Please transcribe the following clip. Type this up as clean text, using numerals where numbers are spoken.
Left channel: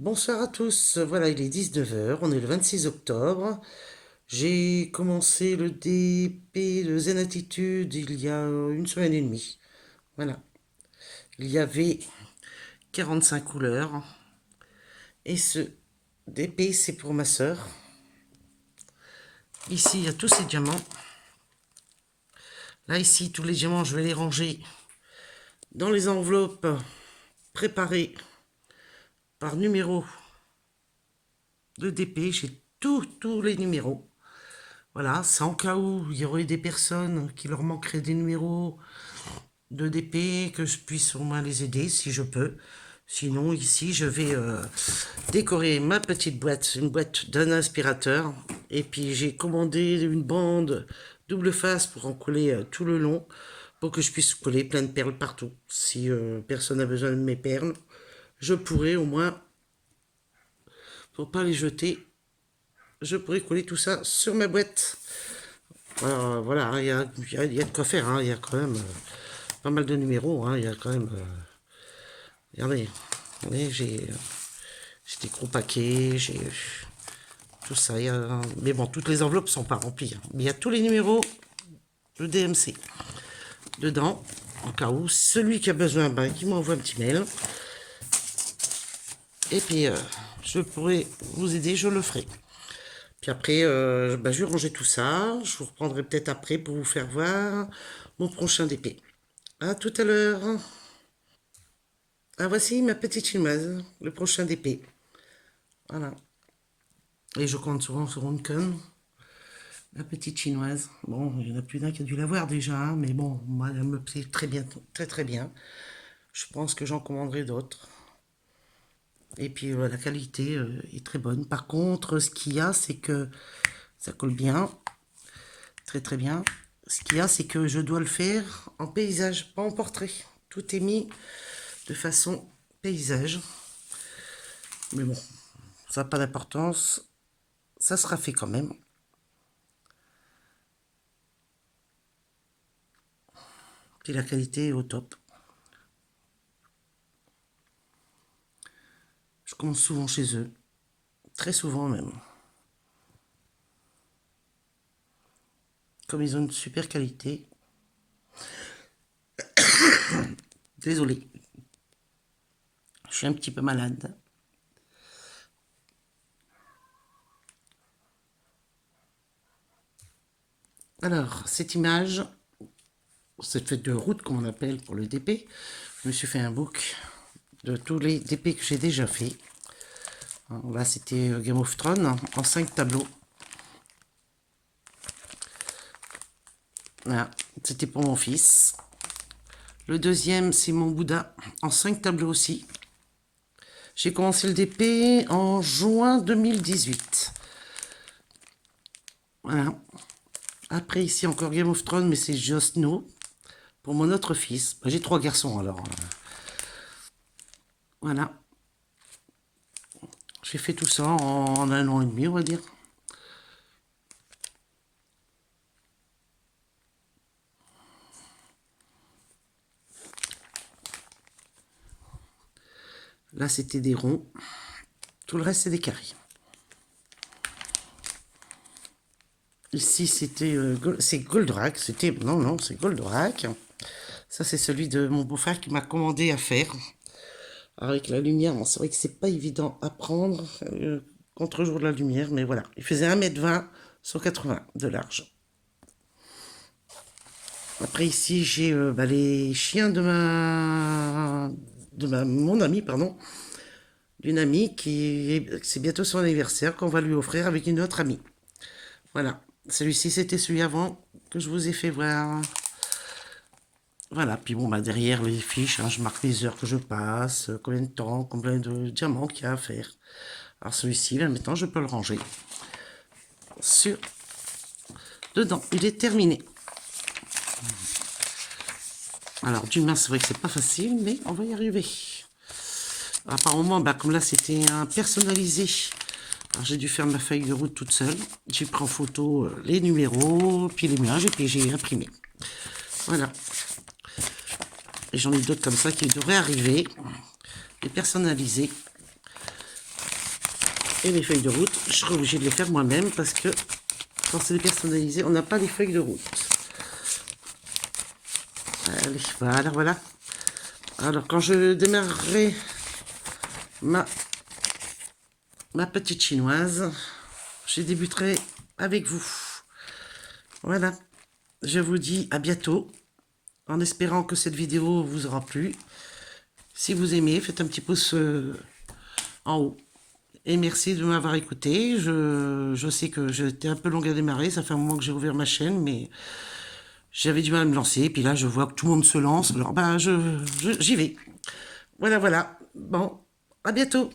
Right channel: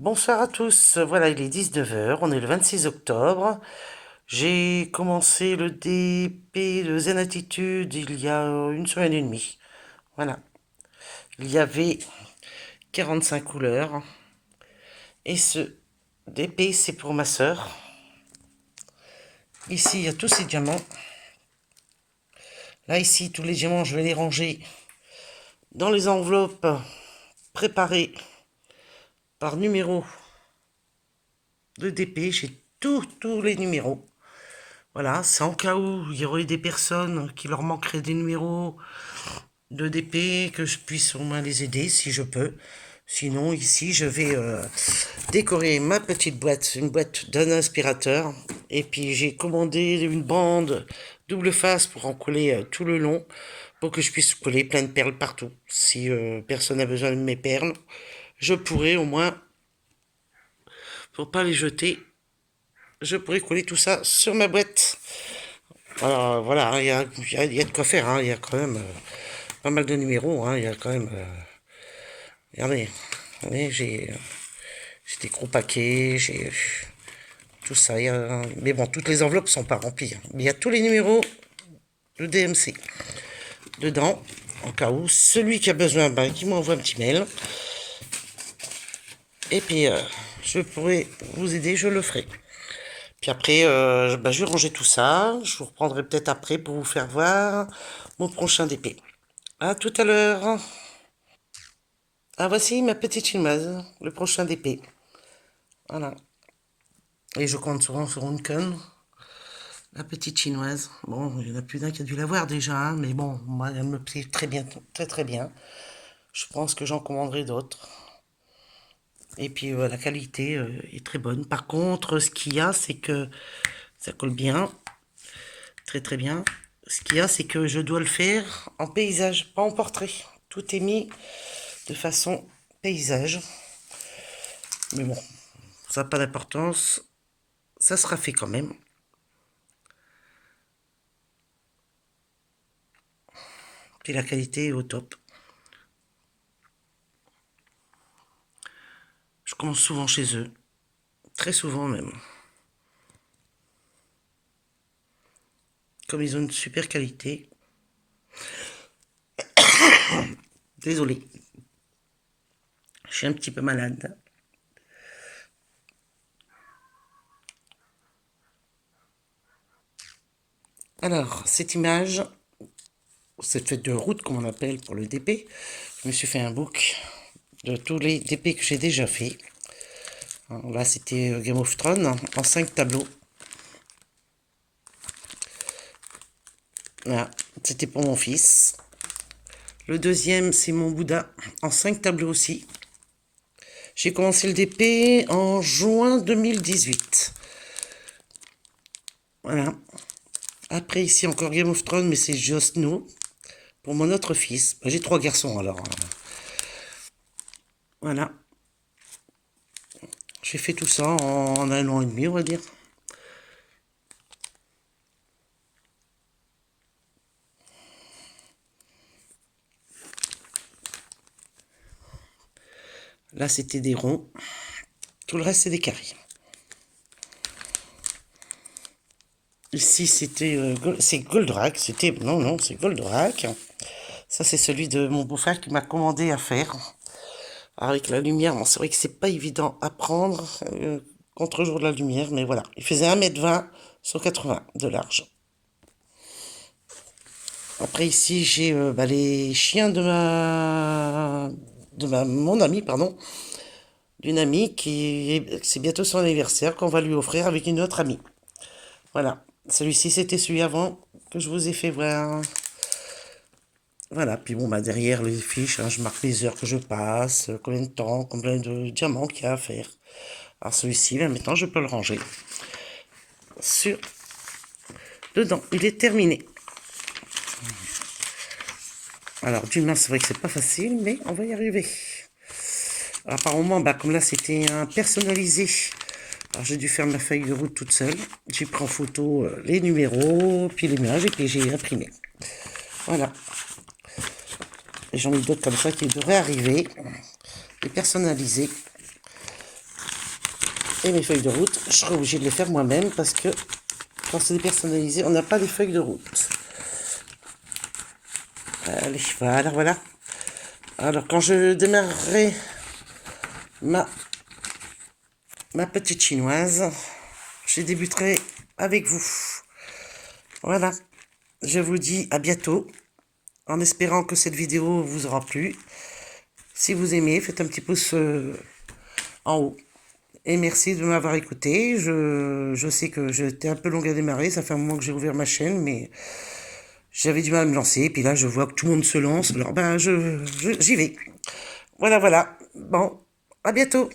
Bonsoir à tous, voilà il est 19 h, on est le 26 octobre. J'ai commencé le DP de Zen Attitude il y a une semaine et demie. Voilà, il y avait 45 couleurs. Et ce DP c'est pour ma sœur. Ici il y a tous ces diamants. Là ici tous les diamants je vais les ranger dans les enveloppes préparées par numéro de DP. J'ai tous les numéros. Voilà, c'est en cas où il y aurait des personnes qui leur manqueraient des numéros de DP, que je puisse au moins les aider si je peux. Sinon, ici, je vais décorer ma petite boîte, une boîte d'un aspirateur. Et puis, j'ai commandé une bande double face pour en coller tout le long, pour que je puisse coller plein de perles partout. Si personne n'a besoin de mes perles, je pourrais au moins, pour pas les jeter, je pourrais coller tout ça sur ma boîte. Alors voilà, il y a de quoi faire, hein. Il y a quand même pas mal de numéros, hein. Il y a quand même... regardez, j'ai des gros paquets, j'ai tout ça. Mais bon, toutes les enveloppes sont pas remplies, hein. Mais il y a tous les numéros de DMC dedans, en cas où. Celui qui a besoin, ben, qui m'envoie un petit mail. Et puis, je pourrai vous aider, je le ferai. Puis après, ben, je vais ranger tout ça. Je vous reprendrai peut-être après pour vous faire voir mon prochain DP. À tout à l'heure. Ah, voici ma petite chinoise, le prochain DP. Voilà. Et je compte souvent sur une conne. La petite chinoise. Bon, il y en a plus d'un qui a dû la voir déjà, hein, mais bon, moi, elle me plaît très bien, très très bien. Je pense que j'en commanderai d'autres. Et puis la qualité est très bonne. Par contre, ce qu'il y a, c'est que ça colle bien, très très bien. Ce qu'il y a, c'est que je dois le faire en paysage, pas en portrait. Tout est mis de façon paysage. Mais bon, ça n'a pas d'importance. Ça sera fait quand même. Et la qualité est au top. Je commande souvent chez eux. Très souvent même. Comme ils ont une super qualité. Désolée. Je suis un petit peu malade. Alors, cette image, cette fête de route, comme on appelle pour le DP, je me suis fait un book de tous les DP que j'ai déjà fait. Là, c'était Game of Thrones en 5 tableaux. Voilà, c'était pour mon fils. Le deuxième, c'est mon Bouddha en 5 tableaux aussi. J'ai commencé le DP en juin 2018. Voilà. Après, ici, encore Game of Thrones, mais c'est Jon Snow pour mon autre fils. J'ai 3 garçons, alors. Voilà. J'ai fait tout ça en 1 an et demi, on va dire. Là, c'était des ronds. Tout le reste, c'est des carrés. Ici, c'était c'est Goldorak. C'était non, c'est Goldorak. Ça, c'est celui de mon beau-frère qui m'a commandé à faire. Alors, avec la lumière, bon, c'est vrai que c'est pas évident à prendre contre-jour de la lumière, mais voilà. Il faisait 1,20 m sur 80 de large. Après, ici, j'ai bah, les chiens de mon ami, pardon. D'une amie c'est bientôt son anniversaire qu'on va lui offrir avec une autre amie. Voilà. Celui-ci, c'était celui avant que je vous ai fait voir. Voilà, puis bon, bah derrière les fiches, hein, je marque les heures que je passe, combien de temps, combien de diamants qu'il y a à faire. Alors celui-ci, là, maintenant, je peux le ranger sur dedans. Il est terminé. Alors, d'humain, c'est vrai que c'est pas facile, mais on va y arriver. Apparemment, bah, comme là, c'était un personnalisé. Alors, j'ai dû faire ma feuille de route toute seule. J'ai pris en photo les numéros, puis les images, et puis j'ai imprimé. Voilà. Et j'en ai d'autres comme ça qui devraient arriver. Les personnalisés. Et mes feuilles de route, je serai obligée de les faire moi-même parce que quand c'est dépersonnalisé, on n'a pas les feuilles de route. Allez, voilà, voilà. Alors, quand je démarrerai ma petite chinoise, je débuterai avec vous. Voilà. Je vous dis à bientôt, en espérant que cette vidéo vous aura plu. Si vous aimez, faites un petit pouce en haut. Et merci de m'avoir écouté. Je sais que j'étais un peu longue à démarrer. Ça fait un moment que j'ai ouvert ma chaîne, mais j'avais du mal à me lancer. Et puis là, je vois que tout le monde se lance. Alors, ben, j'y vais. Voilà, voilà. Bon, à bientôt.